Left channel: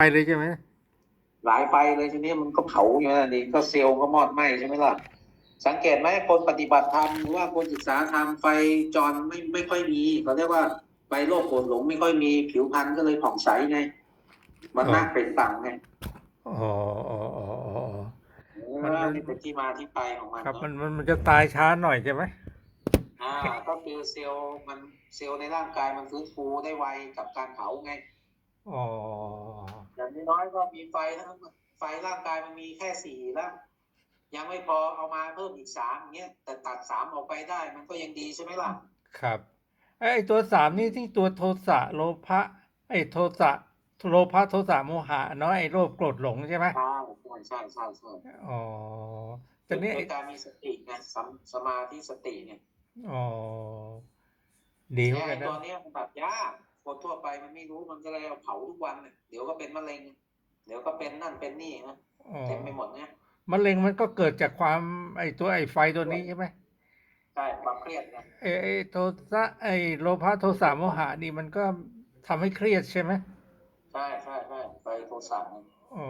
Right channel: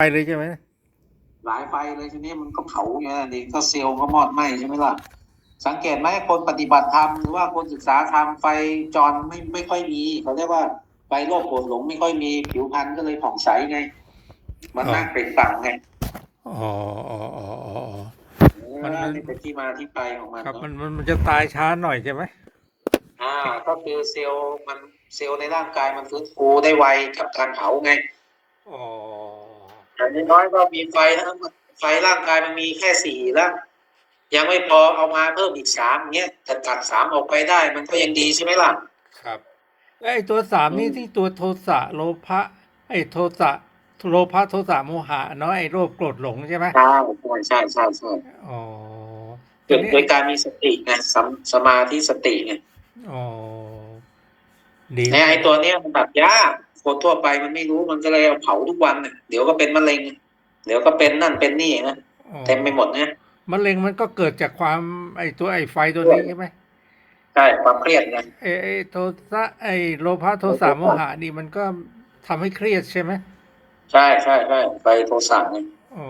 ไปเลยใช่ไหมหลายไฟเลยทีนี้มันก็เผาอย่างนี้นี่ก็เซลล์ก็มอดไหม้ใช่ไหมล่ะ สังเกตไหมคนปฏิบัติธรรมหรือว่าคนศึกษาธรรมไฟจรไม่ไม่ค่อยมีเขาเรียกว่าไฟโลกโกรธหลงไม่ค่อยมีผิวพรรณก็เลยผ่องใสไง มันน่าเปล่งปลั่งไงอ๋ออ๋ออ๋ออ๋อเออนี่เป็นที่มาที่ไปของมันครับเนอะมันมันมันจะตายช้าหน่อยใช่ไหมอ่าก็คือเซลล์มันเซลล์ในร่างกายมันฟื้นฟูได้ไวกับการเผาไงอ๋อ อย่างน้อยๆก็มีไฟทั้งไฟร่างกายมันมีแค่สี่แล้วยังไม่พอเอามาเพิ่มอีกสามเงี้ยแต่ตัดสามออกไปได้ มันก็ยังดีใช่ไหมล่ะ ครับไอ้ตัวสามนี่ที่ตัวโทสะโลภะไอ้โทสะโลภะโทสะโมหะเนาะไอ้โรคโกรธหลงใช่ไหมใช่ใช่ใช่ใช่อ๋อตัเกิวดนี้โดยการมีสติไงสมสมาธิสติไงอ๋อดีเนี่ยไอ้ตัวเนี้ยมันตัดยาก คนทั่วไปมันไม่รู้มันก็เลยเอาเผาทุกวันน่ะเดี๋ยวก็เป็นมะเร็ง เดี๋ยวก็เป็นนั่นเป็นนี่นะอ๋อเต็มไปหมดนะมะเร็งมันก็เกิดจากความไอ้ตัวไอ้ไฟตัวนี้ใช่ไหมใช่ความเครียดไงไอ้ไอ้โทสะไอ้โลภะโทสะโมหะนี่มันก็ทำให้เครียดใช่ไหมใช่ใช่ใช่ไปโทสะไงอ๋อ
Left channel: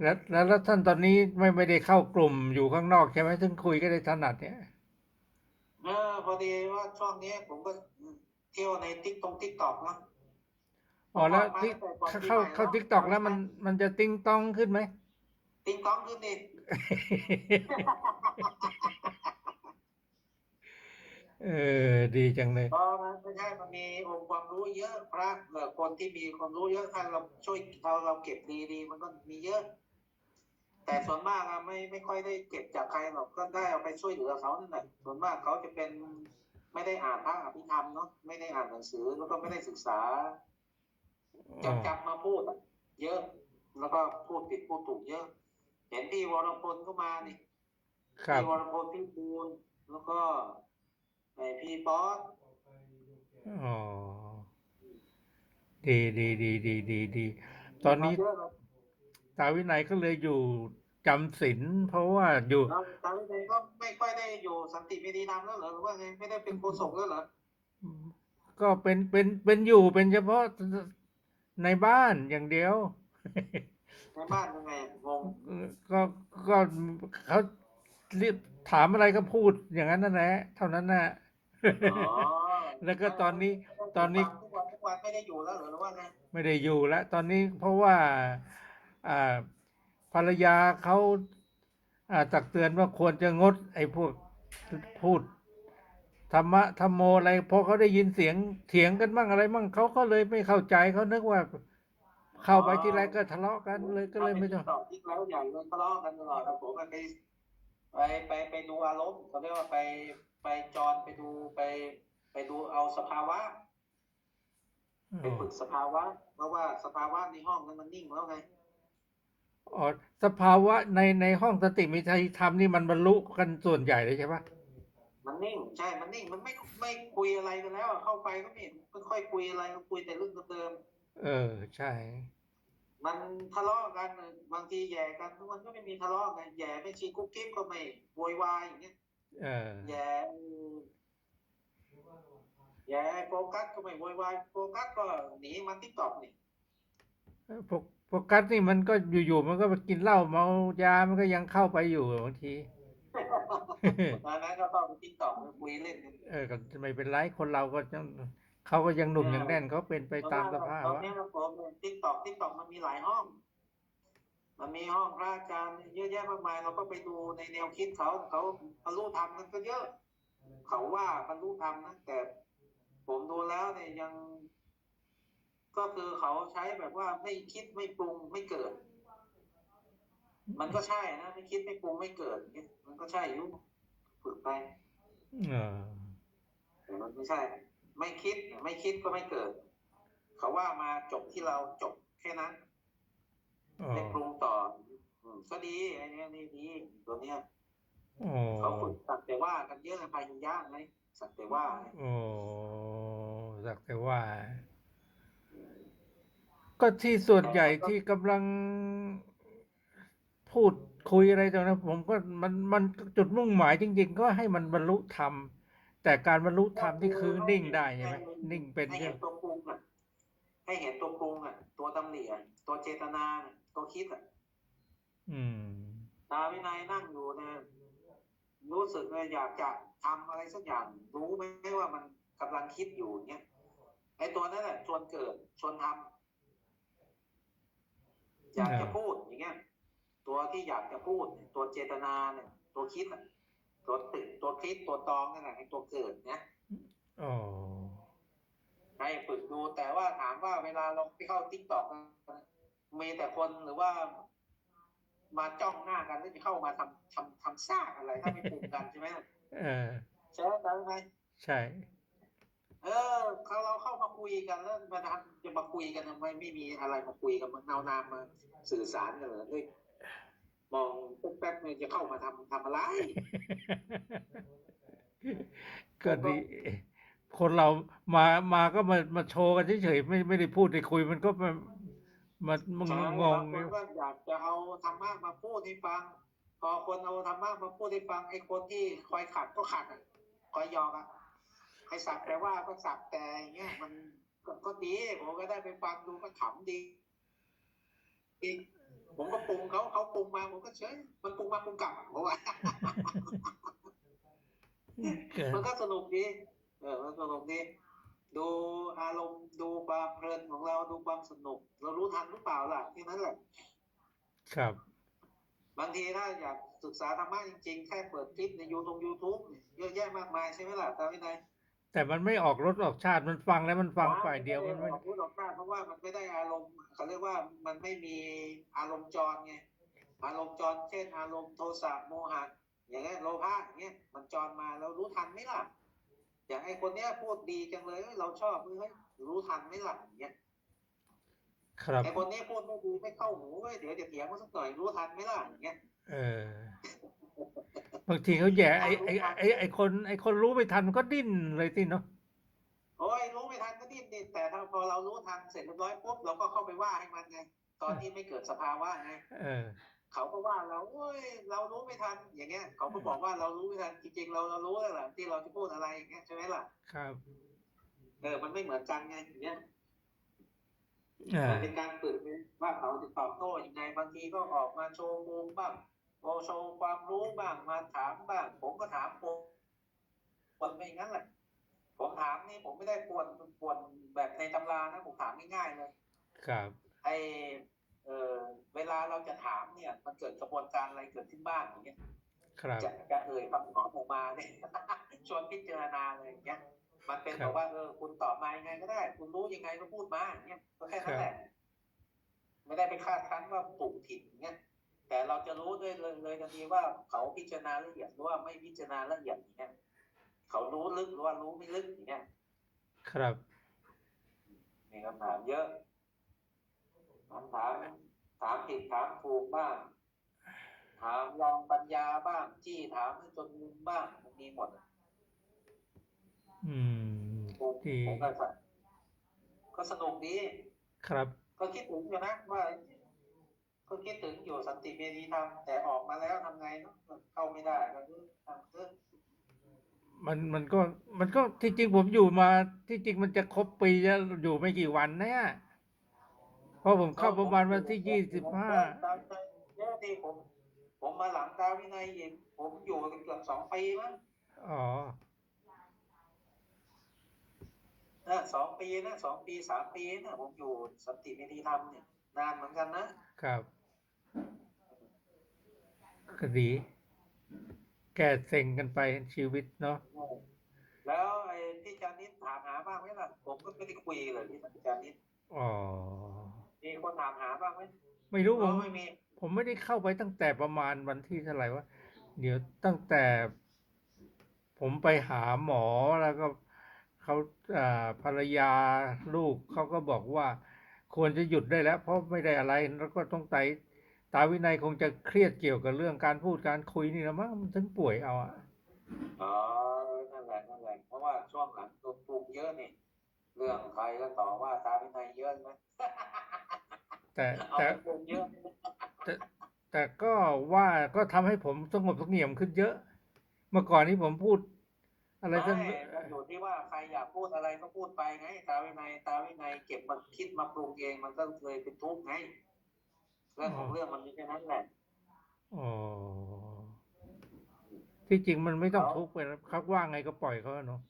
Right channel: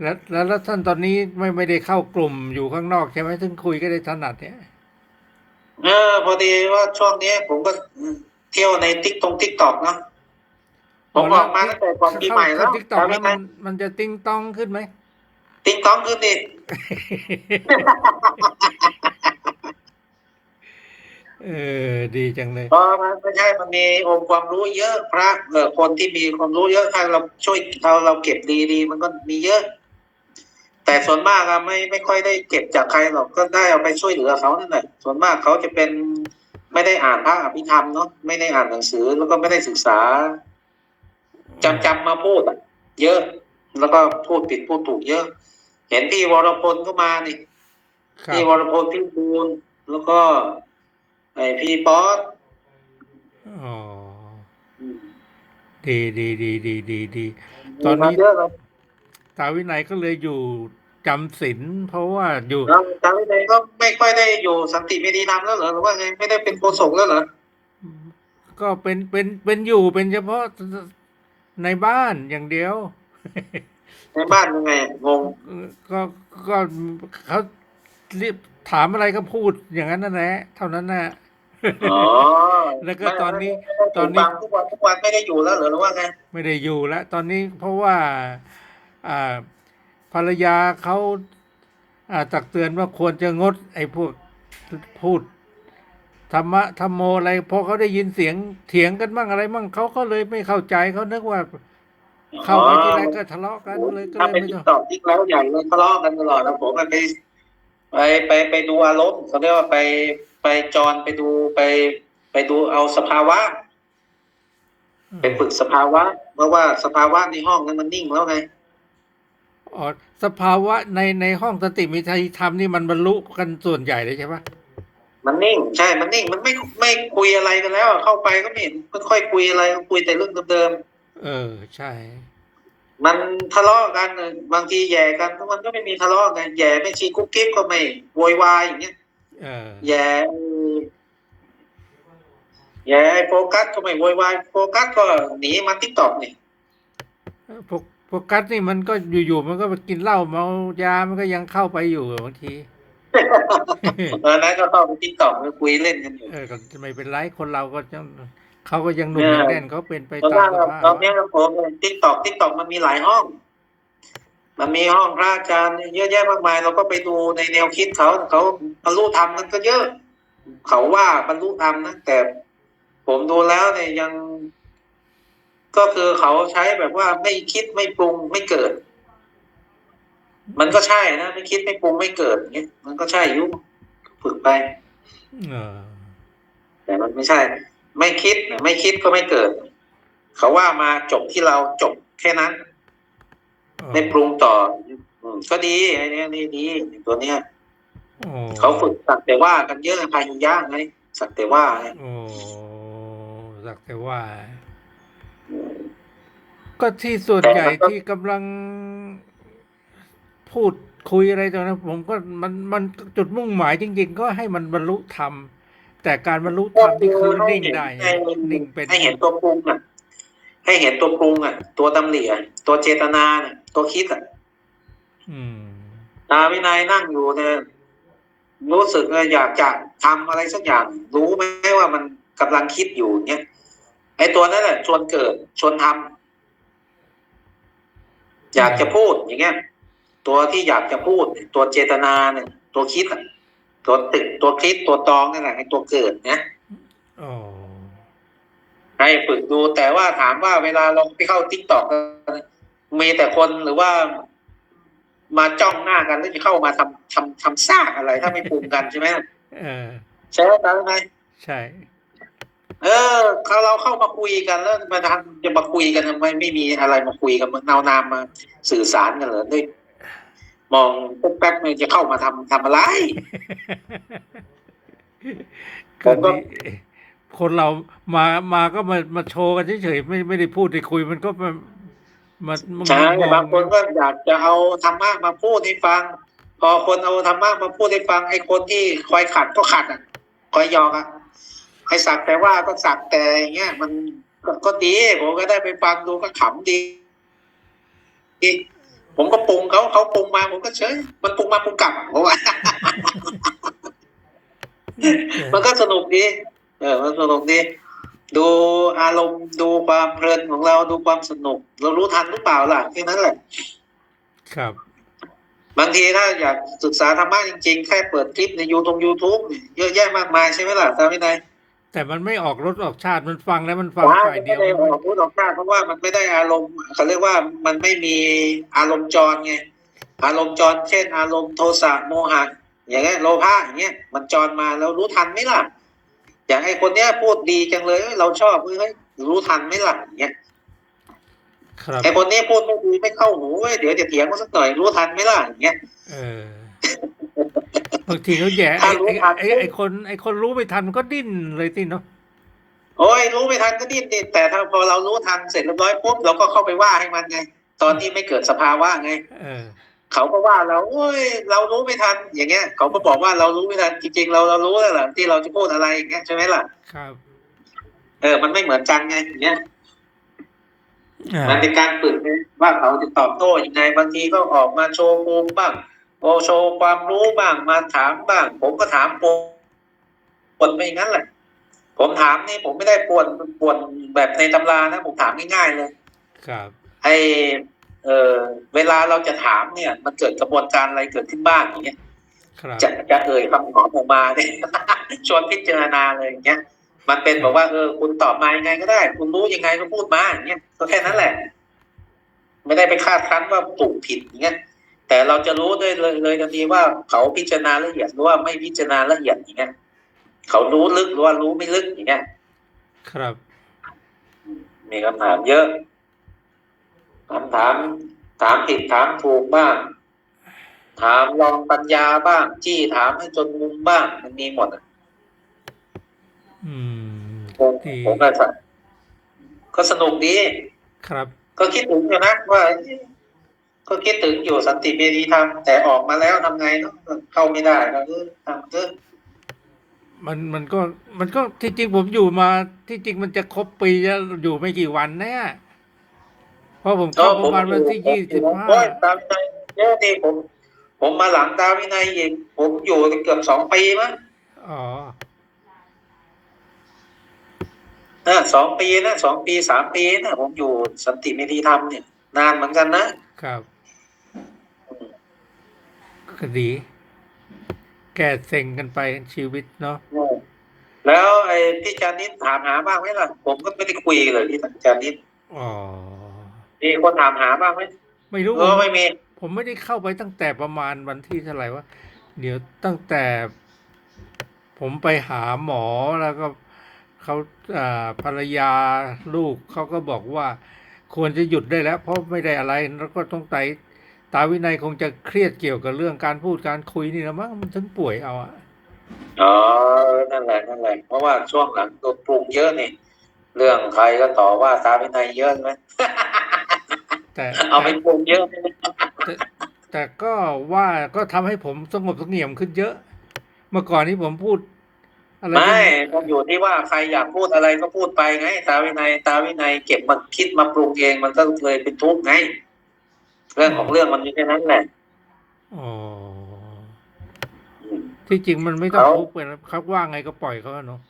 แล้วแล้วแล้วท่านตอนนี้ไม่ไม่ได้เข้ากลุ่มอยู่ข้างนอกใช่ไหมซึ่งคุยก็ได้ถนัดเนี่ยเออพอดีว่าช่วงนี้ผมก็ เที่ยวในติ๊กตงติ๊กตอกเนาะผมออกมาตั้งแต่ก่อนปีใหม่แล้วทิกตอกแล้วจำมัไม่นได้มันจะติ้งต้องขึ้นไหมติ๊กตอกขึ้นอีกเออดีจังเลยเพราะมันไม่ใช่มันมีองค์ความรู้เยอะพระเออคนที่มีความรู้เยอะถ้าเราช่วยเราเราเก็บดีๆมันก็มีเยอะ แต่ส่วนมากอะไม่ไม่ค่อยได้เก็บจากใครหรอกก็ได้เอาไปช่วยเหลือเขานั่นแหละส่วนมากเขาจะเป็น ไม่ได้อ่านพระอภิธรรมเนาะไม่ได้อ่านหนังสือ แล้วก็ไม่ได้ศึกษาจำจำมาพูดอะเยอะ แล้วก็พูดผิดพูดถูกเยอะ เห็นพี่วรพลก็มานี่ครับพี่วรพลพี่บูลแล้วก็ ไอพี่ป๊อตอ๋อดีดีดีดีดีดีตอนนี้มีมาเยอะเลยตาวินัยก็เลยอยู่ จำศีลเพราะว่าอยู่แล้วจำไม่ได้ก็ไม่ค่อยได้อยู่สันติเมธีธรรมแล้วเหรอหรือว่าไงไม่ได้เป็นโฆษกแล้วเหรอก็เป็นเป็นเป็นอยู่เป็นเฉพาะในบ้านอย่างเดียว ในบ้านยังไงงงก็ก็เขาเรียกถามอะไรก็พูดอย่างนั้นนั่นแหละเท่านั้นแหละอ๋อแล้วก็ตอนนี้ไม่ตอนนี้ฟังทุกวันทุกวันไม่ได้อยู่แล้วเหรอหรือว่าไงไม่ได้อยู่แล้วตอนนี้เพราะว่า อ่า ภรรยาเขาอาตักเตือนว่าควรจะงด ไอ้พวกพูดธรรมะธรรมโมอะไรพอเขาได้ยินเสียงเถียงกันบ้างอะไรบ้างเขาก็เลยไม่เข้าใจเขานึกว่า เข้าไปที่ไรก็ทะเลาะกันเลยก็เลยไม่ตอกงตอกติ๊กแล้วใหญ่เลยทะเลาะกันตลอดนะผมไปไปไปไปดูอารมณ์เขาเรียกว่าไปไปจรไปดูไป ไปดูเอาสภาวะไปฝึกสภาวะเพราะว่าสภาวะในห้องนั้นมันนิ่งแล้วไง อ๋อสภาวะในในห้องสติมีไทยธรรมนี่มันบรรลุกันส่วนใหญ่เลยใช่ปะมันนิ่งใช่ มันนิ่งมันไม่ไม่คุยอะไรกันแล้วเข้าไปก็ไม่เห็นไม่ค่อยคุยอะไรคุยแต่เรื่องเดิมเออใช่ๆมันทะเลาะกันเออบางทีแย่กันมันก็ไม่มีทะเลาะกันแย่ไม่ชีกุ๊กกิ๊บก็ไม่โวยวายอย่างเงี้ยเออแย่แย่โฟกัสก็ไม่โวยวายโฟกัสก็หนีมาทิกตอกนี่พวก พวกกัสนี่มันก็อยู่ๆมันก็ไปกินเหล้าเมายา มันก็ยังเข้าไปอยู่บางทีตอนนั้นก็ต้องไปทิกตอกคุยเล่นกันอยู่เออก็ไม่เป็นไรคนเราก็ยังเขาก็ยังหนุ่มยังแน่นเขาเป็นไปเพราะตาว่ามสภาพตอนนี้ผมทิกตอกทิกตอกมันมีหลายห้อง มันมีห้องพระอาจารย์เยอะแยะมากมาย เราก็ไปดูในแนวคิดเขาเขาบรรลุธรรมมันก็เยอะ เขาว่าบรรลุธรรมนะแต่ผมดูแล้วเนี่ยยัง ก็คือเขาใช้แบบว่าไม่คิดไม่ปรุงไม่เกิด มันก็ใช่นะไม่คิดไม่ปรุงไม่เกิดอย่างเงี้ยมันก็ใช่อยุฝึกไปเออแต่มันไม่ใช่ ไม่คิดนะไม่คิดก็ไม่เกิด เขาว่ามาจบที่เราจบแค่นั้นไม่ปรุงต่ออืมก็ดีไอ้เนี้ยนี่ดีตัวเนี้ยโอ้เขาฝึกสักแต่ว่ากันเยอะพายุย่างไงสักแต่ว่าไงโอ้สักแต่ว่า ก็ที่ส่วนใหญ่ที่กำลังพูดคุยอะไรตรงนั้นผมก็มันมันจุดมุ่งหมายจริง ๆ ก็ให้มันบรรลุธรรม แต่การบรรลุธรรมที่คือนิ่งได้ให้นิ่งเป็นให้เห็นตัวปรุงอะให้เห็นตัวปรุงอะ ตัวตำหนิอะตัวเจตนาน่ะตัวคิดอะอืมตาวินัยนั่งอยู่เนี่ยรู้สึกว่าอยากจะทำอะไรสักอย่าง รู้ไหมว่ามันกำลังคิดอยู่เนี่ยไอ้ตัวนั้นแหละชวนเกิดชวนทำ อยากจะพูดอย่างเงี้ย ตัวที่อยากจะพูด ตัวเจตนาเนี่ย ตัวคิดอะตัวตึกตัวคิดตัวตองนั่นแหละไอ้ตัวเกิดเนี่ยอ๋อให้ฝึกดูแต่ว่าถามว่าเวลาเราไปเข้าทิกตอกมีแต่คนหรือว่า มาจ้องหน้ากันแล้วจะเข้ามาทำทำทำซากอะไร ถ้าไม่ปรุงกันใช่ไหมเออใช่ไหมไหมใช่ เออเขาเราเข้ามาคุยกันแล้วมาทำจะมาคุยกันทำไมไม่มีอะไรมาคุยกันมันเอานามมาสื่อสารกันเหรอด้วยมองปุ๊บแป๊บนึงจะเข้ามาทำทำอะไรผก็มก็ดีคนเรามามาก็มามาโชว์กันเฉยๆไม่ไม่ได้พูดได้คุยมันก็มามามาใช่มองบางคนก็อยากจะเอาธรรมะมาพูดให้ฟัง พอคนเอาธรรมะมาพูดให้ฟังไอ้คนที่คอยขัดก็ขัดอะคอยหยอกอะ ให้สักแต่ว่าก็สักแต่อย่างเงี้ยมันก็ก็ดีผมก็ได้ไปฟังดูก็ขำดีดีผมก็ปรุงเขาเขาปรุงมาผมก็เฉยมันปรุงมาปรุงกลับผมว่ามันก็สนุกดีเออ มันสนุกดีดูอารมณ์ดูความเพลินของเราดูความสนุก เรารู้ทันหรือเปล่าล่ะแค่นั้นแหละ ครับ บางทีถ้าอยากศึกษาธรรมะจริงๆ แค่เปิดคลิปในยูทงยูทูบเยอะแยะมากมายใช่ไหมล่ะตามไม่ได้ แต่มันไม่ออกรสออกชาติมันฟังแล้วมันฟังว่าฝ่ายมันเดีไม่ยวได้ออกพูดออกหน้าเพราะว่ามันไม่ได้อารมณ์เขาเรียกว่ามันไม่มีอารมณ์จรไงอารมณ์จรเช่น อารมณ์โทสะโมหะอย่างเงี้ยโลภะอย่างเงี้ยมันจรมาแล้วรู้ทันไหมล่ะ อย่างไอ้คนเนี้ยพูดดีจังเลยเอ้ยเราชอบเฮ้ยรู้ทันไหมล่ะอย่างเงี้ยครับไอ้คนนี้พูดไม่ดีไม่เข้าหูเว้ยเดี๋ยวจะเถียงมันสักหน่อยรู้ทันไหมล่ะอย่างเงี้ยเออ บางทีเขาแย่ไอ้ถ้ารู้ไอ้ทันไอ้ไอ้คนไอ้คนรู้ไม่ทันมันก็ดิ้นเลยสิเนาะโอ้ยรู้ไม่ทันก็ดิ้นดิแต่ถ้าพอเรารู้ทันเสร็จเรียบร้อยปุ๊บเราก็เข้าไปว่าให้มันไง ตอนที่ไม่เกิดสภาวะไงเออเขาก็ว่าเราโอ้ยเรารู้ไม่ทันอย่างเงี้ย เขาก็บอกว่าเรารู้ไม่ทันจริงๆเราเรารู้แล้วล่ะที่เราจะพูดอะไรอย่างเงี้ยใช่ไหมล่ะครับ เออ มันไม่เหมือนกันไงอย่างเงี้ยอ่ามันเป็นการฝึกไงว่าเขาจะตอบโต้ยังไงบางทีก็ออกมาโชว์ภูมิบ้าง โอโชว์ความรู้บ้างมาถามบ้าง ผมก็ถามปวนปวนไปอย่างนั้นแหละ ผมถามนี่ผมไม่ได้ปวนปวนแบบในตำรานะ ผมถามง่ายๆเลยครับไอเออเวลาเราจะถามเนี่ย มันเกิดกระบวนการอะไรเกิดขึ้นบ้างอย่างเงี้ยครับจะจะเอ่ยคำตอบออกมาเนี่ยชวนพิจารณาเลยอย่างเงี้ยมันเป็นบอกว่าเออคุณตอบมายังไงก็ได้ คุณรู้ยังไงก็พูดมาอย่างเงี้ยก็แค่นั้นแหละ ไม่ได้ไปคาดคั้นว่าถูกผิดอย่างเงี้ย แต่เราจะรู้ได้เลยเลยทันทีว่าเขาพิจารณาละเอียดหรือว่าไม่พิจารณาละเอียดอย่างเงี้ยเขารู้ลึกหรือว่ารู้ไม่ลึกอย่างเงี้ยครับ มีคำถามเยอะคำถาม ถามผิดถามถูกบ้าง ถามลองปัญญาบ้าง จี้ถามให้จนมุมบ้าง มันมีหมดอะอืมผมดีผมก็สะก็สนุกดี ครับ ก็คิดถึงอยู่นะว่า ก็คิดถึงอยู่สันติเมธีธรรมแต่ออกมาแล้วทำไงเนาะเข้าไม่ได้ก็เออทำเถอะมันมันก็มันก็ที่จริงผมอยู่มา ที่จริงมันจะครบปีแล้วอยู่ไม่กี่วันแน่เพราะผมเข้าประมาณวันที่ยี่สิบห้าโอ้ยตามใจเยอะดีผม ผมมาหลังดาวินัยอีกผมอยู่เกือบสองปีมั้งอ๋อนะสองปีนะสองปีสามปีนะผมอยู่สันติเมธีธรรมเนี่ย นานเหมือนกันนะครับ ก็ดี แก้เซ็งกันไปชีวิตเนาะแล้วไอ้พี่จานิดถามหาบ้างไหมล่ะ ผมก็ไม่ได้คุยเลยพี่จานิดอ๋อมีคนถามหาบ้างไหมไม่รู้เอผอมไม่มีผมไม่ได้เข้าไปตั้งแต่ประมาณวันที่เท่าไหร่วะเดี๋ยวตั้งแต่ ผมไปหาหมอแล้วก็เขาอ่าภรรยาลูกเขาก็บอกว่า ควรจะหยุดได้แล้ว เพราะไม่ได้อะไรแล้วก็ต้องไต ตาวินัยคงจะเครียดเกี่ยวกับเรื่องการพูดการคุยนี่นะมั้งมันถึงป่วยเอาอะอ๋อ นั่นแหละนั่นแหละ เพราะว่าช่วงหลังโดนปรุงเยอะนี่ เรื่องใครก็ต่อว่าตาวินัยเยอะไหมแต่เอาไปปรุงเยอะไหมแต่แต่ก็ว่าก็ทำให้ผมสงบเสงี่ยมขึ้นเยอะ เมื่อก่อนนี้ผมพูด อะไรไม่ที่มันอยู่ที่ว่าใครอยากพูดอะไรก็พูดไปไง ตาวินัย ตาวินัยเก็บมาคิดมาปรุงเองมันก็เลยเป็นทุกข์ไง เรื่องของเรื่องมันมีแค่นั้นแหละอ๋อที่จริงมันไม่ต้องเขาทุกข์ไปนะเขาว่าไงก็ปล่อยเขาอะเนาะ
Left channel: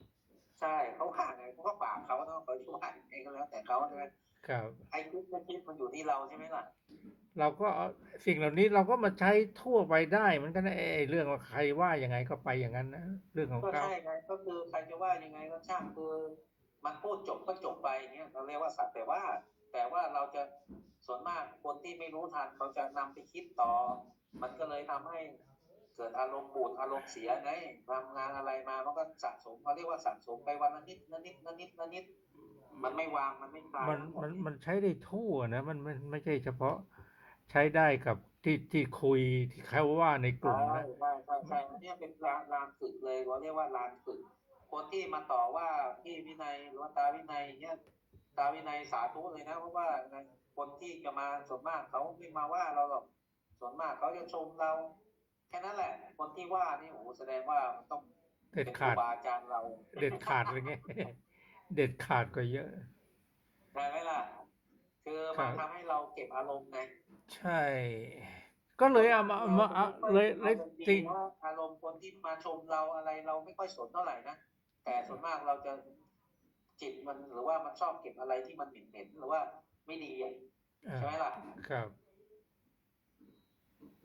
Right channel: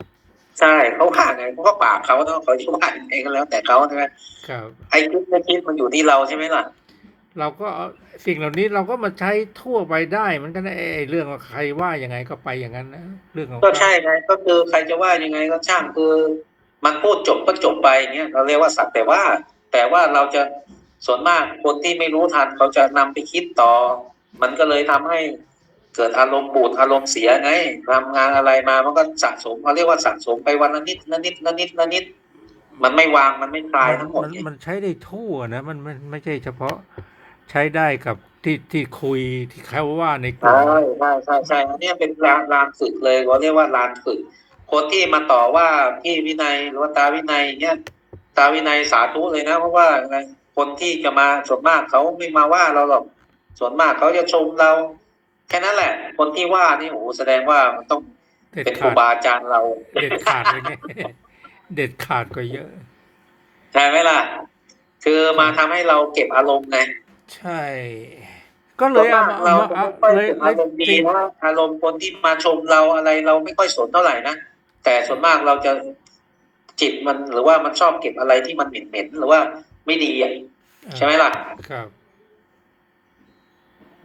ใช่เขาว่าไงเขาก็ปากเขาเนาะเขาจะว่ายังไงก็แล้ว แต่เขาใช่ไหมครับไอ้คิดไม่คิดมันอยู่ที่เราใช่ไหมล่ะ เราก็เอาสิ่งเหล่านี้เราก็มาใช้ทั่วไปได้เหมันก็ไอ้ไอ้เรื่องว่าใครว่ายังไงก็ไปอย่างนั้นนะเรื่องของก็ใช่ไงก็คือใครจะว่ายังไงก็ช่างคือ มันพูดจบก็จบไปอย่างเงี้ยเราเรียกว่าสักแต่ว่า แต่ว่าเราจะ ส่วนมากคนที่ไม่รู้ทันเขาจะนำไปคิดต่อ มันก็เลยทำให้เกิดอารมณ์บูดอารมณ์เสียไงทำงานอะไรมามันก็สะสมเขาเรียกว่าสะสมไปวันละนิดละนิดละนิดละนิด มันไม่วางมันไม่คลายมันทั้งหมดมันไงมันใช้ได้ทั่วนะ มันมันไม่ใช่เฉพาะใช้ได้กับที่ที่คุยที่เขาว่าในกลุ่ใช่มใช่ใช่ใช่อันเนี้ยเป็นลานลานฝึกเลยเขาเรียกว่าลานฝึก คนที่มาต่อว่าพี่วินัยหรือว่าตาวินัยเนี่ยตาวินัยสาธุเลยนะ เพราะว่าอะไร คนที่จะมาส่วนมากเขาไม่มาว่าเราหรอกส่วนมากเขาจะชมเรา แค่นั้นแหละ คนที่ว่านี่โอ้โหแสดงว่ามันต้องเด็ดเป็นครูขาดบาอาจารย์เรา เด็ดขาดเลยเนี่ยเด็ดขาดกว่าเยอะใช่ไหมล่ะ คือมาทำให้เราเก็บอารมณ์ไงใช่ ก็เลยเอามาเราเอามาไม่เอาค่อยเลยเก็บเลอายรมณ์ดีจริงนะอารมณ์คนที่มาชมเราอะไรเราไม่ค่อยสนเท่าไหร่นะแต่ส่วนมากเราจะจิตมันหรือว่ามันชอบเก็บอะไรที่มันเหม็นๆหรือว่า ไม่ดีอะใช่ไหมล่ะครับ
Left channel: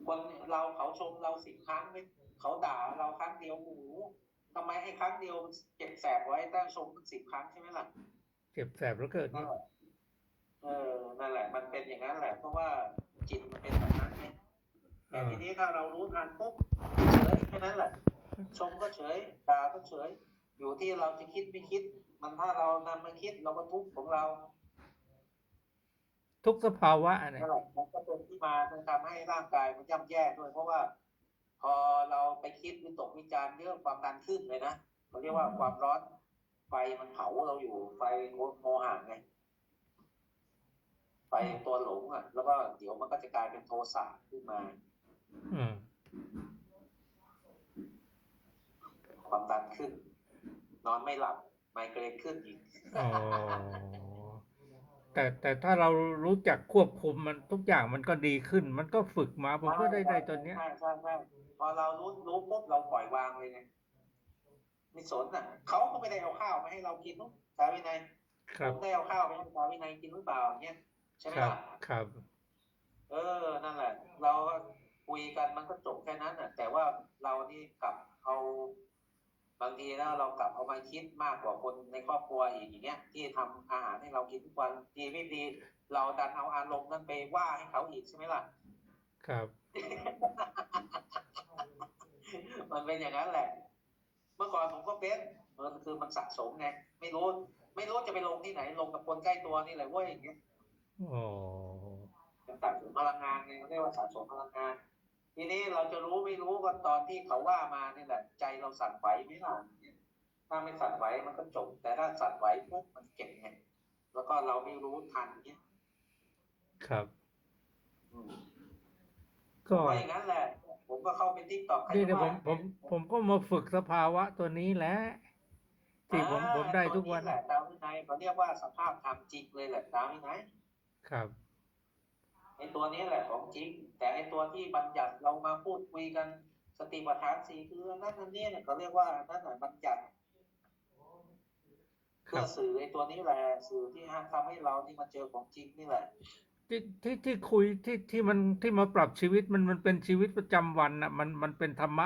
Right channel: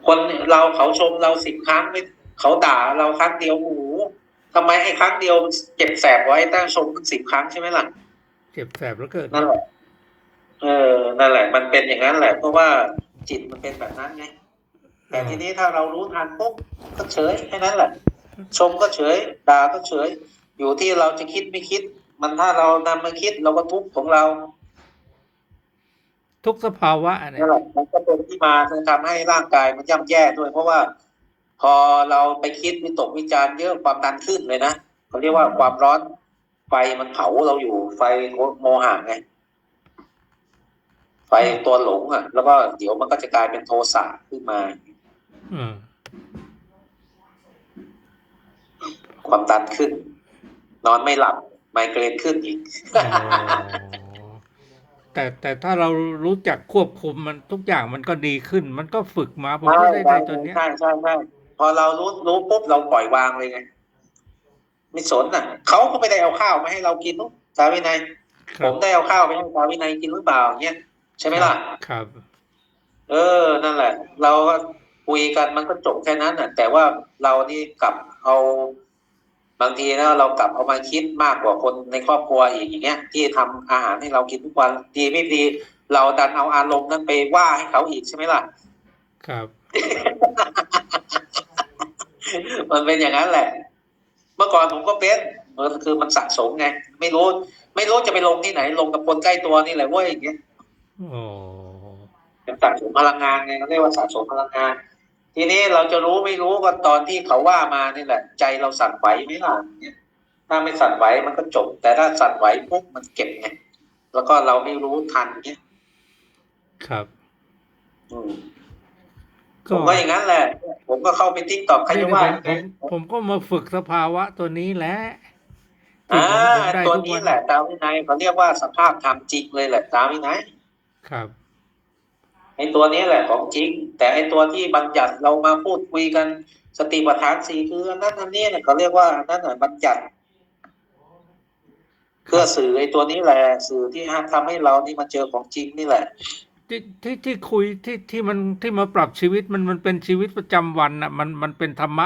คนเราเขาชมเราสิบครั้งไม่เขาด่าเราครั้งเดียวโอ้โหทำไมไอ้ครั้งเดียวเจ็บแสบไว้ตั้งชมมันสิบครั้งใช่ไหมล่ะเจ็บแสบแล้วเกิดนั่นแหละเออนั่นแหละ มันเป็นอย่างนั้นแหละ เพราะว่าจิตมันเป็นแบบนั้นไงแต่ทีนี้ถ้าเรารู้ทันปุ๊บก็เฉยแค่นั้นแหละ ชมก็เฉยด่าก็เฉย อยู่ที่เราจะคิดไม่คิด มันถ้าเรานำมาคิดเราก็ทุกข์ของเรา ทุกสภาวะเนี่ยนั่นแหละมันก็เป็นที่มาที่ทำให้ร่างกายมันย่ำแย่ด้วย เพราะว่า พอเราไปคิดวิตกวิจารณ์เยอะความดันขึ้นเลยนะเขาเรียกว่าความร้อนไฟมันเผาเราอยู่ไฟโมหะไงไฟตัวหลงอะ แล้วก็เดี๋ยวมันก็จะกลายเป็นโทสะขึ้นมา อืมความดันขึ้น นอนไม่หลับ ไมเกรนขึ้นอีกอ๋อ แต่แต่ถ้าเรารู้จักควบคุมมันทุกอย่างมันก็ดีขึ้น มันก็ฝึกมาผมก็ได้ได้ตัวเนี้ยใช่ใช่ใช่พอเรารู้รู้ปุ๊บเราปล่อยวางเลยไงไม่สนอะเขาก็ไม่ได้เอาข้าวมาให้เรากินนุ๊กสาวินัยคผรับมได้เอาข้าวไปให้สาวินัยกินหรือเปล่าเงี้ยใช่ไหมล่ะครับ เออนั่นแหละ เราก็คุยกันมันก็จบแค่นั้นน่ะ แต่ว่าเรานี่กลับเอา บางทีนะเรากลับเอามาคิดมากกว่าคนในครอบครัวอีกอย่างเงี้ย ที่ทำอาหารให้เรากินทุกวันดีไม่ดี เราดันเอาอารมณ์นั้นไปว่าให้เขาอีกใช่ไหมล่ะ ครับ มันเป็นอย่างนั้นแหละ เมื่อก่อนผมก็เป็นมันคือมันสะสมไง ไม่รู้ ไม่รู้จะไปลงที่ไหน ลงกับคนใกล้ตัวนี่แหละเว้ยอย่างเงี้ยโอ้เป็นสะสมพลังงานไงเขาเรียกว่าสะสมพลังงาน ทีนี้เราจะรู้ไม่รู้ก็ตอนที่เขาว่ามานี่แหละ ใจเราสั่นไหวไหมล่ะเนี่ยถ้าไม่สั่นไหวมันก็จบ แต่ถ้าสั่นไหวปุ๊บมันเก็บไงแล้วก็เราไม่รู้ทันเนี่ยครับอืมผก็มก็อย่างนั้นแหละ ผมก็เข้าไปทิกตอกใครนี่จะผว่ามผมผมก็มาฝึกสภาวะตัวนี้แหละที่อ่าผมผมได้ตัวทุกนี้วันแหละ ตามวินัยเขาเรียกว่าสภาพธรรมจริงเลยแหละ ตามวินัยครับ ไอ้ตัวนี้แหละของจริง แต่ไอ้ตัวที่บัญญัติเรามาพูดคุยกันสติปัฏฐานสี่คืออันนั้นอันนี้เนี่ยเขาเรียกว่าอันนั้นน่ะบัญญัติเพื่อสื่อไอ้ตัวนี้แหละสื่อที่ทำให้เรานี่มาเจอของจริงนี่แหละ ที่ที่ที่คุยที่ที่มันที่มาปรับชีวิตมันมันเป็นชีวิตประจำวันน่ะ มันมันเป็นธรรมะ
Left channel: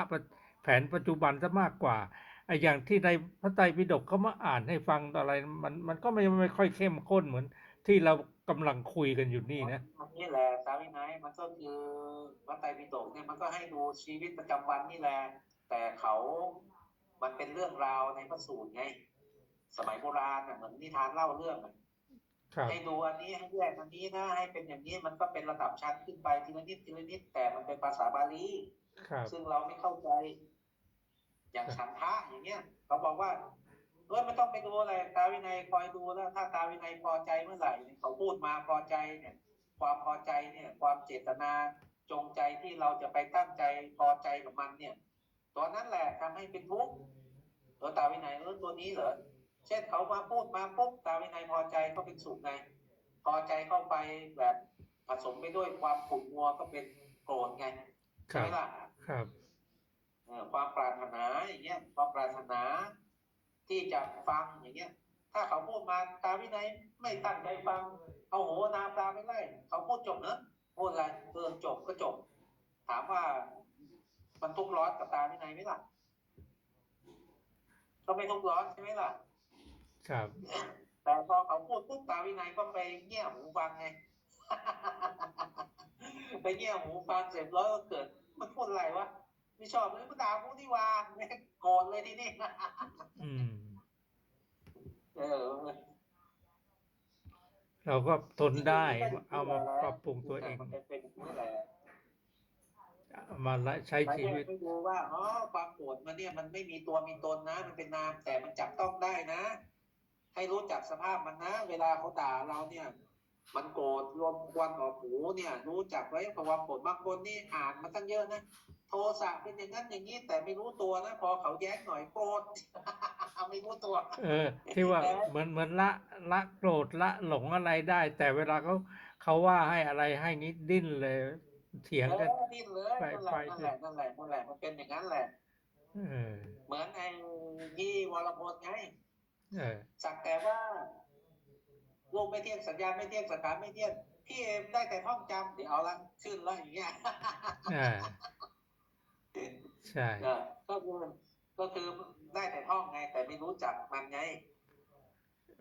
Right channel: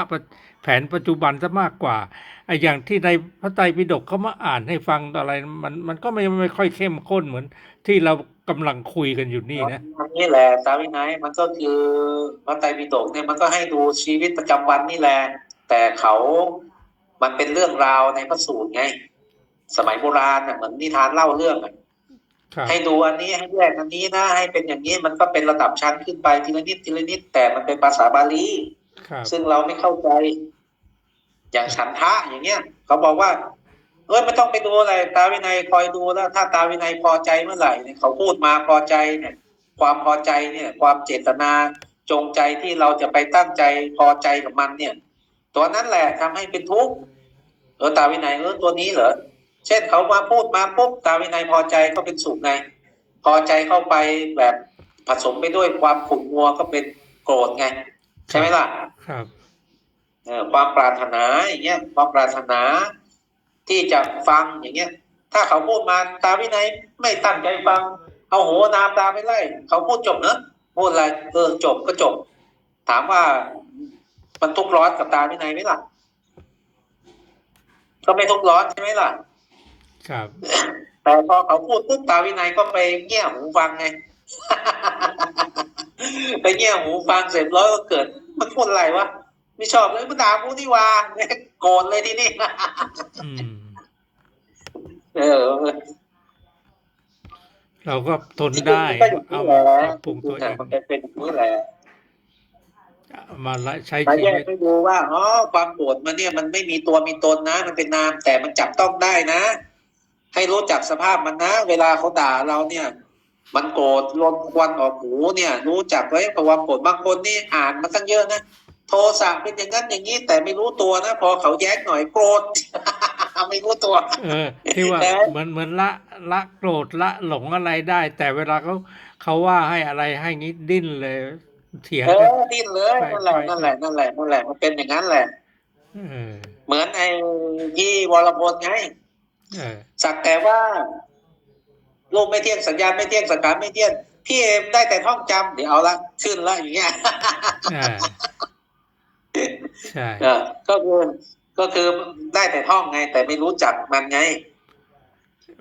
แผนปัจจุบันซะมากกว่า ไอ้อย่างที่ในพระไตรปิฎกเขามาอ่านให้ฟังอะไร มันมันก็ไม่ไม่ค่อยเข้มข้นเหมือน ที่เรากำลังคุยกันอยู่นี่นะอันนี้แหละสาวินัยมันก็คือพระไตรปิฎกเนี่ยมันก็ให้ดูชีวิตประจำวันนี่แหละ แต่เขามันเป็นเรื่องราวในพระสูตรไง สมัยโบราณน่ะเหมือนนิทานเล่าเรื่องอะครับให้ดูอันนี้ให้แยกอันนี้นะให้เป็นอย่างนี้มันก็เป็นระดับชั้นขึ้นไปทีละนิดทีละนิดแต่มันเป็นภาษาบาลีครับซึ่งเราไม่เข้าใจ อย่างฉันทะอย่างเงี้ยเขาบอกว่า เออไม่ต้องไปดูอะไร ตาวินัยคอยดูแล้ว ถ้าตาวินัยพอใจเมื่อไหร่เนี่ยเขาพูดมาพอใจเนี่ย ความพอใจเนี่ย ความเจตนาจงใจที่เราจะไปตั้งใจพอใจกับมันเนี่ย ตัวนั้นแหละทำให้เป็นทุกข์เออตาวินัยเออตัวนี้เหรอเช่นเขามาพูดมาปุ๊บตาวินัยพอใจก็เป็นสุขไงพอใจเข้าไปแบบผสมไปด้วยความขุ่นมัวก็เป็นโกรธไง ใช่ไหมล่ะ ครับ ความปรารถนาอย่างเงี้ยความปรารถนาที่จะฟังอย่างเงี้ย ถ้าเขาพูดมาตาวินัยไม่ตั้งใจฟัง เอาโหนามตาไปไล่เขาพูดจบเนอะพูดอะไรเออจบก็จบ ถามว่ามันทุกข์ร้อนกับตาวินัยไหมล่ะก็ไม่ทุกข์ร้อนใช่ไหมล่ะ ครับ แต่พอเขาพูดปุ๊บตาวินัยก็ไปเงี่ยหูฟังไงไปเงี่ยหูฟังเสร็จแล้วก็เกิดมันพูดอะไรวะ ไม่ชอบเลยมันด่ากูนี่หว่าโกรธเลยทีนี้อืมเออ เราก็ทนได้ก็อย่างเอานี้แหมาละปรับปรุงตัวเองมันเป็นอย่างนี้แหละมาละใช้มาชีแยกวิตให้ดูว่าอ๋อความโกรธมันเนี่ยมันไม่มีตัวมีตนนะ มันเป็นนามแต่มันจับต้องได้นะ ให้รู้จักสภาพมันนะ เวลาเขาด่าเราเนี่ย มันโกรธลมควันออกหูเนี่ย รู้จักไว้ความโกรธบางคนนี่อ่านมาตั้งเยอะนะ โทสะเป็นอย่างนั้นอย่างนี้ แต่ไม่รู้ตัวนะพอเขาแย้งหน่อยโกรธไม่รู้ตัว เออ ที่ว่าแต่เหมือนเหมือนละละโกรธละหลงอะไรได้ แต่เวลาเขาเขาว่าให้อะไรให้งี้ดิ้นเลย เถียงเอกันอดิ้นเลยไปนั่นแหละไปนั่นแหละนั่นแหละนั่นแหละมันเป็นอย่างนั้นแหละเออเหมือนไอ้พี่วรพลไงเออสักแต่ว่ารูปไม่เที่ยงสัญญาณไม่เที่ยงสังขารไม่เที่ยงพี่เอมได้แต่ท่องจำเดี๋ยวเอาละขึ้นละอย่างเงี้ยอ่า ใช่เออก็คือก็คือได้แต่ท่องไง แต่ไม่รู้จักมันไง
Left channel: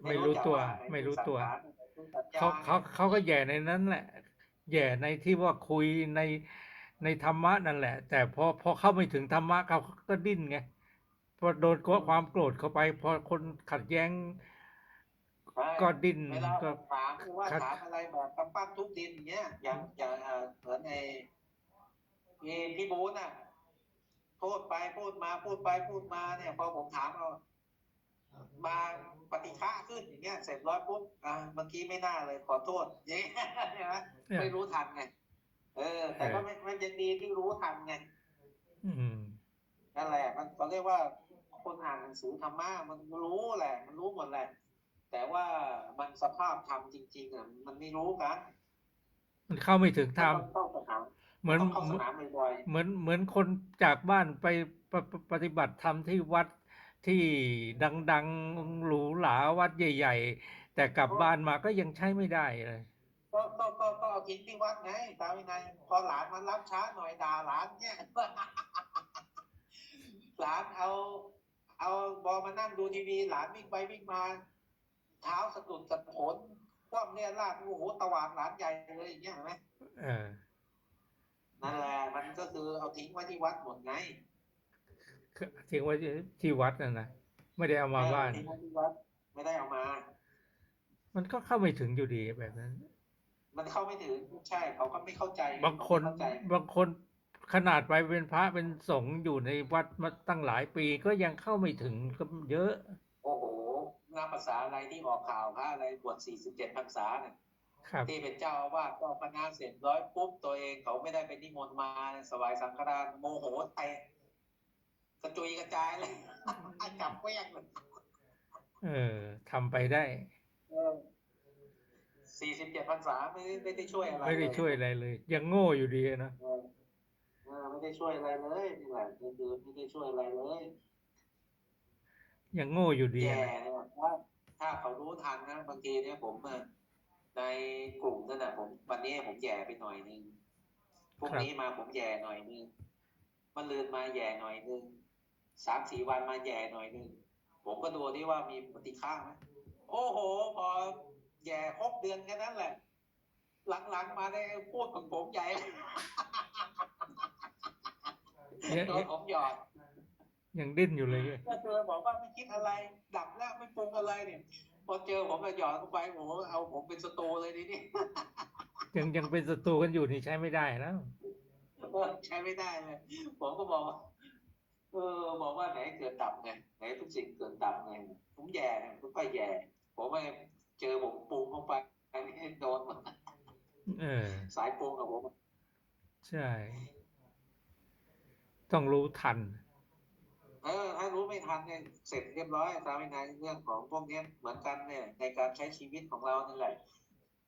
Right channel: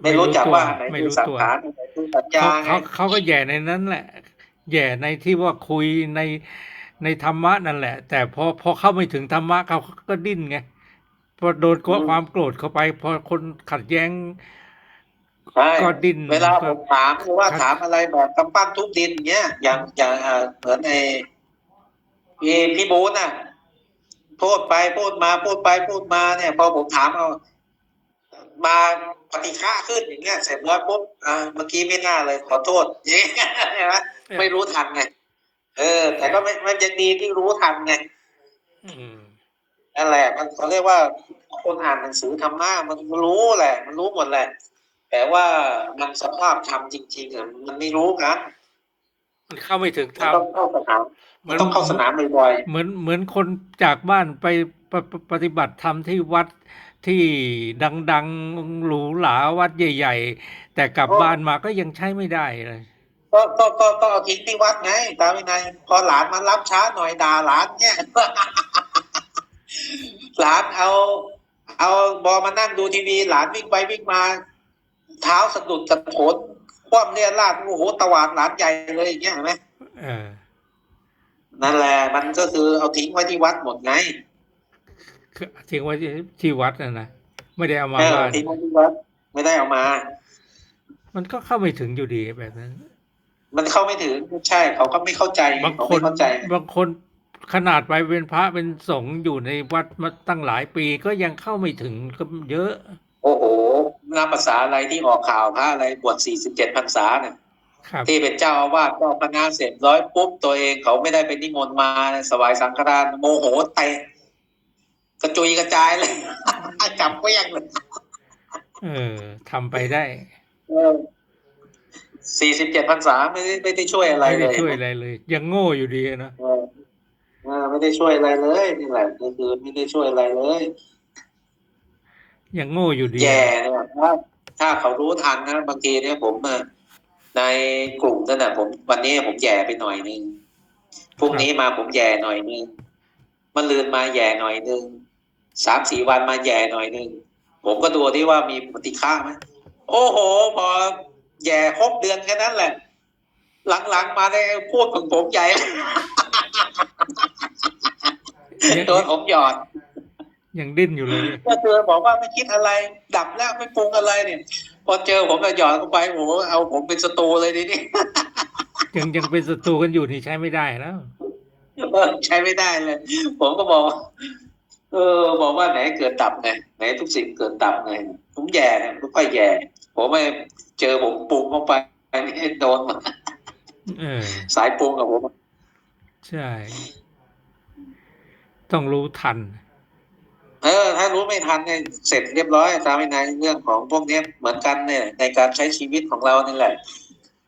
ไม่รู้จักว่าอันไหนไม่คือรู้สังตัวขารอันไหนคือสัญญาเขาไงเขาเขาก็แย่ในนั้นแหละ แย่ในที่ว่าคุยในในธรรมะนั่นแหละ แต่พอพอเข้าไม่ถึงธรรมะเขาก็ดิ้นไงพอโดนกความโกรธเข้าไป พอคนขัดแย้งใช่ก็ดิ้นเวลาผก็มถามหรือว่าครับถามอะไรแบบกำปั้นทุบดินเงี้ยอย่างอย่างเอ่อเหมือนไอ้พี่พี่บูนน่ะ พูดไปพูดมาพูดไปพูดมาเนี่ย พอผมถามเอามาปฏิฆะขึ้นอย่างเงี้ยเสร็จแล้วปุ๊บอ่าเมื่อกี้ไม่น่าเลย ขอโทษเงี้ยเห็นไหมไม่รู้ทันไงเออ แต่ก็ไม่มันยังดีที่รู้ทันไงอืมนั่นแหละ มันเขาเรียกว่าคนอ่านหนังสือธรรมะมันรู้แหละ มันรู้หมดแหละ แต่ว่ามันสภาพธรรมจริงๆอะมันไม่รู้กันมันเข้าไม่ถึงธมัรนรมต้องเข้าสนาม เหมัมืนอนต้องเข้าสนามบ่อยเหมือนเหมือนคนจากบ้านไปปปปฏิบัติธรรมที่วัดที่ดังๆหรูหราวัดใหญ่ ๆ แต่กลับบ้านมาก็ยังใช้ไม่ได้เลยๆก็ก็ก็ก็เอาทิ้งที่วัดไงตามวินัยพอหลานมารับช้าหน่อยด่าหลานเนี่ยหลานเอา เอาบอมานั่งดูทีวี หลานวิ่งไปวิ่งมา เท้าสะดุดกระโถนคว่ำเรียราดโอ้โหตวาดหลานใหญ่เลยอย่างเงี้ยเห็นไหมเออ นั่นแหละมันก็คือเอาทิ้งไว้ที่วัดหมดไงคือทิ้งไว้ที่ที่วัดนะนะไม่ได้เอามาเออบ้านทิ้งไว้ที่วัดไม่ได้เอามา มันก็เข้าไม่ถึงอยู่ดีแบบนั้น มันเข้าไม่ถึงใช่เขาก็ไม่เข้าใจบางเขาคไม่นเข้าใจบางคนขนาดไปเป็นพระเป็นสงฆ์อยู่ในวัดมาตั้งหลายปีก็ยังเข้าไม่ถึงก็เยอะ โอ้โหนับภาษาอะไรที่ออกข่าวพระอะไรบวชสี่สิบเจ็ดพรรษาเนี่ยครับ ที่เป็นเจ้าอาวาสเจ้าคณะเสร็จร้อยปุ๊บตัวเองเขาไม่ได้เป็นนิมนต์มาสวายสังฆทานโมโหเตะกระจุยกระจายเลยจับก็ยังเลยเออทำไปได้สี่สิบเจ็ดพรรษาไม่ได้ไม่ได้ช่วยอะไรไม่เลได้ยช่วยอะไรเลย ยังโง่อยู่ดีนะเออเออไม่ได้ช่วยอะไรเลยนี่แหละก็คือไม่ได้ช่วยอะไรเลยยังโง่อยู่ดีแย่เนี่ยถ้าถ้าเขารู้ทันนะบางทีเนี่ยผมอะ ในกลุ่มนั่นน่ะผมวันนี้ผมแย่ไปหน่อยนึงพรุ่งนี้มาผมแย่หน่อยนึงมันลืนมาแย่หน่อยนึงสามสี่วันมาแย่หน่อยนึงผมก็ดูที่ว่ามีปฏิฆาไหมโอ้โห พอแย่ครบเดือนแค่นั้นแหละ หลังๆมาได้พูดของผมใหญ่เลยยังโดนผมหยอดยังดิ้นอยู่เลยก็เจอบอกว่าไม่คิดอะไร ดับแล้วไม่ปรุงอะไรเนี่ย พอเจอผมก็หยอดเข้าไปโอ้โหเอาผมเป็นศัตรูเลยทีนี้ ยังยังเป็นศัตรูกันอยู่นี่ใช้ไม่ได้แล้วเออใช้ไม่ได้เลย ผมก็บอกว่าเออ บอกว่าไหนเกิดดับไงไหนทุกสิ่งเกิดดับไงผมแย่เนี่ยไม่ค่อยแย่ ผมไม่เจอผมปรุงเข้าไปนี่โดนมาเออ สายปรุงกับผม ใช่ ต้องรู้ทัน เออ ถ้ารู้ไม่ทันเนี่ยเสร็จเรียบร้อยตามในเรื่องของพวกเนี้ยเหมือนกันเนี่ย ในการใช้ชีวิตของเรานี่แหละ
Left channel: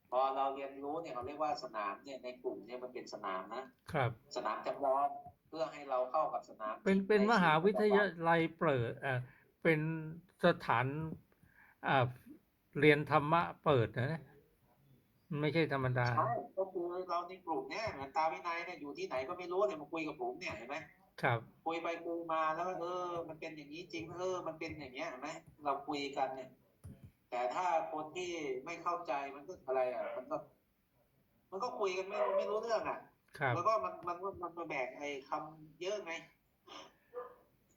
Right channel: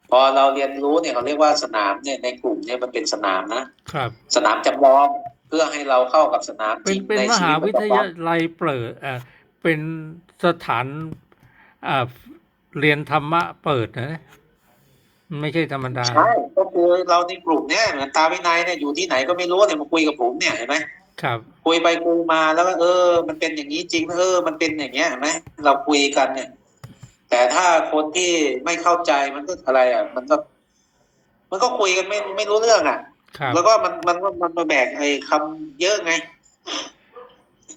พอเราเรียนรู้เนี่ยเขาเรียกว่าสนามเนี่ยในกลุ่มเนี่ยมันเป็นสนามนะครับ สนามจำลองเพื่อให้เราเข้ากับสนามจเป็รินงเป็นในมชีหาวิตวิประทจำวัยานลัยเปิดเอ่อเป็นสถานอ่าเรียนธรรมะเปิดนะมันไม่ใช่ธรรมดาใช่ก็คือเราในกลุ่มเนี่ยเหมือนตาวินัยเนี่ยอยู่ที่ไหนก็ไม่รู้เนี่ยมาคุยกับผมเนี่ยเห็นไหม ครับ คุยไปคุยมาแล้วก็เออ มันเป็นอย่างนี้จริงนะเออ มันเป็นอย่างเงี้ยเห็นไหมเราคุยกันเนี่ย แต่ถ้าคนที่ไม่เข้าใจมันก็อะไรอะ มันก็ มันก็คุยกันไม่ไม่รู้เรื่องอะครับแล้วก็มันมันมันมันมาแบกไอ้คำเยอะไง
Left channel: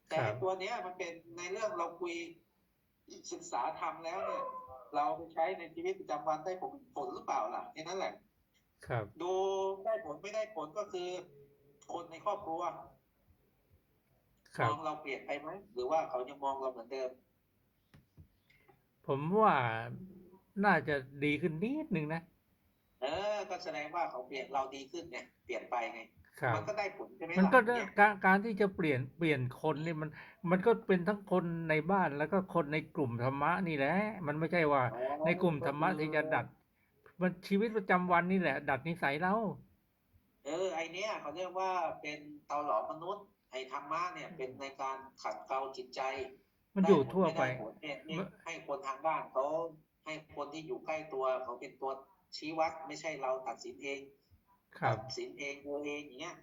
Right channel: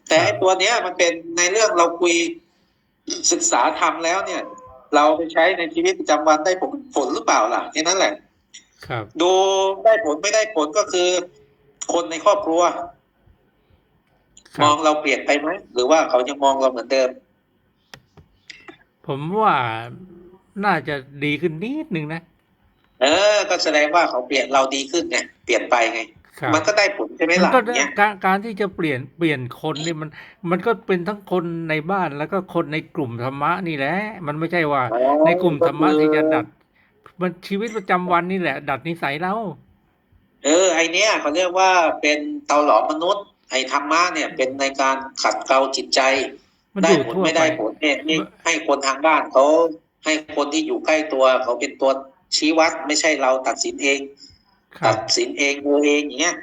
แต่ไอ้ตัวเนี้ย มันเป็นในเรื่องเราคุยศึกษาทำแล้วเนี่ย เราไปใช้ในชีวิตประจำวันได้ผลผลหรือเปล่าล่ะแค่นั้นแหละ ครับ ดูได้ผลไม่ได้ผลก็คือ คนในครอบครัวค มรัอบงเราเปลี่ยนไปไหมหรือว่าเขายังมองเราเหมือนเดิม ผมว่าน่าจะดีขึ้นนิดนึงนะเออ ก็แสดงว่าเขาเปลี่ยนเราดีขึ้นไงเปลี่ยนไปไงครับมันก็ได้ผลใช่ไหมมันล่ะก็เนี่ยการการที่จะเปลี่ยนเปลี่ยนคนนี่มัน มันก็เป็นทั้งคนในบ้านแล้วก็คนในกลุ่มธรรมะนี่แหละ มันไม่ใช่ว่า ในกลุ่มธรรมะที่จะดัด มันชีวิตประจำวันนี่แหละ ดัดนิสัยเราเออไอเนี้ยเขาเรียกว่าเป็นเตาหลอมมนุษย์ ไอธรรมะเนี่ยเป็นในการขัดเกลาจิตใจมันได้อยู่ผลทั่วไม่ไปได้ผลเนี่ยนี่ให้คนทางบ้านเขาให้คนที่อยู่ใกล้ตัวเขาเป็นตัวชี้วัดไม่ใช่เราตัดสินเองครัตับดสินเองดูเองอย่างเงี้ย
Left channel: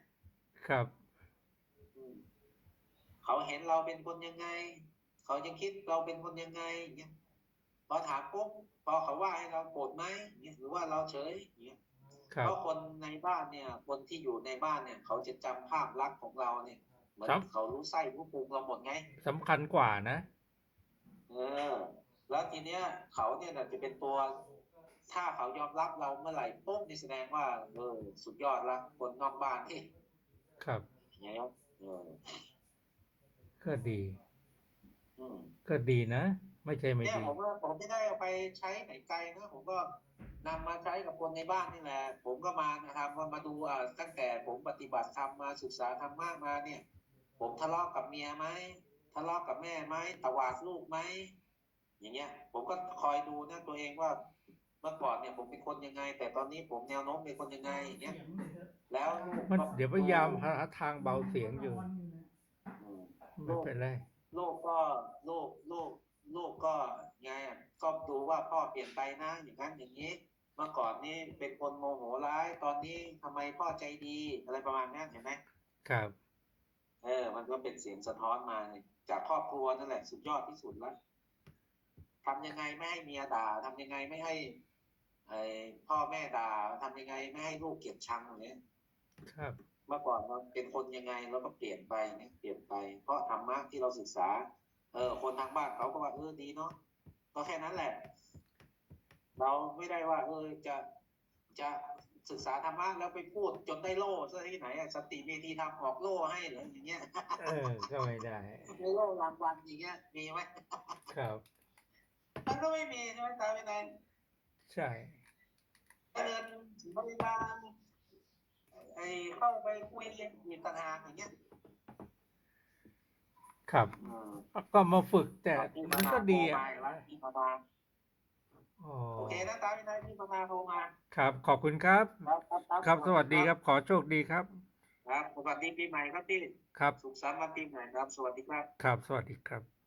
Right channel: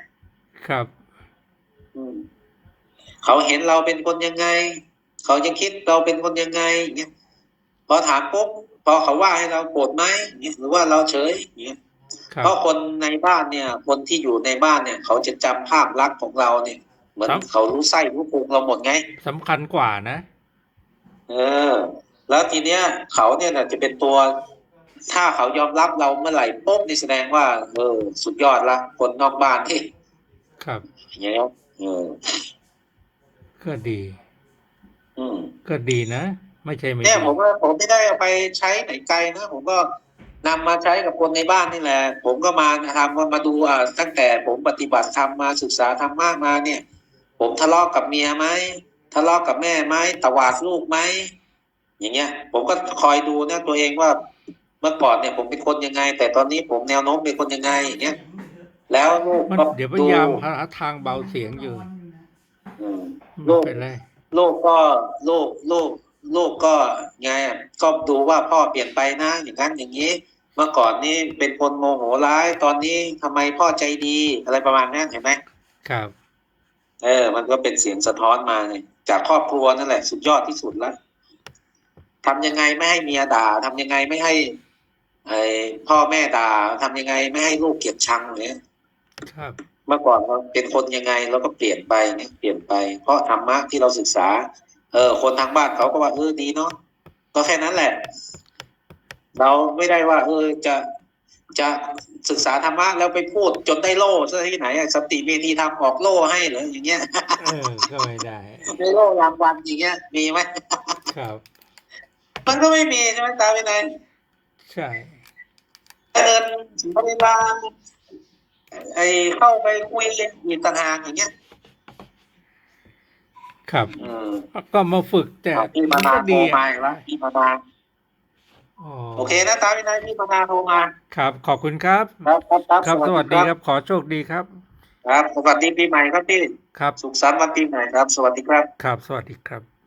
ครับอืมเขาเห็นเราเป็นคนยังไง เขายังคิดเราเป็นคนยังไงอย่างเงี้ยพอถามปุ๊บพอเขาว่าให้เราโกรธไหมอย่างเงี้ยหรือว่าเราเฉยอย่างเงี้ยครับเพราะคนในบ้านเนี่ย คนที่อยู่ในบ้านเนี่ย เขาจะจำภาพลักษณ์ของเราเนี่ย เหมือนครับ เขารู้ไส้รู้พุงเราหมดไง สำคัญกว่านะ เออ แล้วทีเนี้ย เขาเนี่ยน่ะจะเป็นตัว ถ้าเขายอมรับเราเมื่อไหร่ปุ๊บนี่แสดงว่า เออ สุดยอดละคนนอกบ้านที่ครับ อย่างเงี้ยเออก็ดี อืม ก็ดีนะ ไม่ใช่ไม่เนี่ยดีผมว่าผมไม่ได้เอาไปใช้ไหนไกลนะผมก็นำมาใช้กับคนในบ้านนี่แหละ ผมก็มาทำมามาดูอ่าตั้งแต่ผมปฏิบัติธรรมมาศึกษาธรรมะมาเนี่ย ผมทะเลาะกับเมียไหมทะเลาะกับแม่ไหมตวาดลูกไหมอย่างเงี้ย ผมก็คอยดูนะตัวเองว่าเมื่อก่อนเนี่ยผมเป็นคนยังไง แต่ตอนนี้ผมแนวโน้มเป็นคนยังไงอย่างเงี้ยแล้วลูกมันก็เดี๋ยวพยายามหาทางเบาเสียงอยู่อืมไม่เป็นไรลูกก็ลูกลูกลูกก็ไงอะก็ดูว่าพ่อเปลี่ยนไปนะ อย่างนั้นอย่างนี้ เมื่อก่อนนี่เป็นคนโมโหร้าย ตอนนี้ทำไมพ่อใจดีอะไรประมาณนั้นเห็นไหมครับ เออ มันก็เป็นเสียงสะท้อนมาเนี่ยจากครอบครัวนั่นแหละ สุดยอดที่สุดแล้วทำยังไงไม่ให้เมียด่าทำยังไงไม่ให้ไอ้พ่อแม่ด่าทำยังไงไม่ให้ลูกเกลียดชังเนี่ยครับเมื่อก่อนเราเป็นคนยังไงเราก็เปลี่ยนไปเนี่ยเปลี่ยนไป เพราะธรรมะที่เราศึกษา เออ คนทางบ้านเขาก็ว่าเออดีเนาะก็แค่นั้นแหละ เราไม่ได้ว่า เออจะ จะศึกษาธรรมะแล้วไปพูดจนได้โล่ซะที่ไหนอะสติเมธีธรรมออกโล่ให้เหรออย่างเงี้ยเออก็ไม่ได้ได้โล่รางวัลอย่างเงี้ย มีไหมครับ มันก็ไม่มีใช่ไหมตาไปไหนใช่เดินเวลาไอเข้าไปคุยมีต่างหากอย่างเงี้ยครับอืมก็มาฝึกแต่เอาพี่มัมานนาก็โทรดีมาอะอีกแล้วพี่มานาอ๋อ โอเคนะตาวินัยพี่มานาโทรมาครับ ขอบคุณครับครับ ครับครับครับสวัสดีครับ ขอโชคดีครับ ครับ สวัสดีปีใหม่ครับพี่ ครับ สุขสันต์วันปีใหม่ครับ สวัสดีครับ ครับ สวัสดีครับ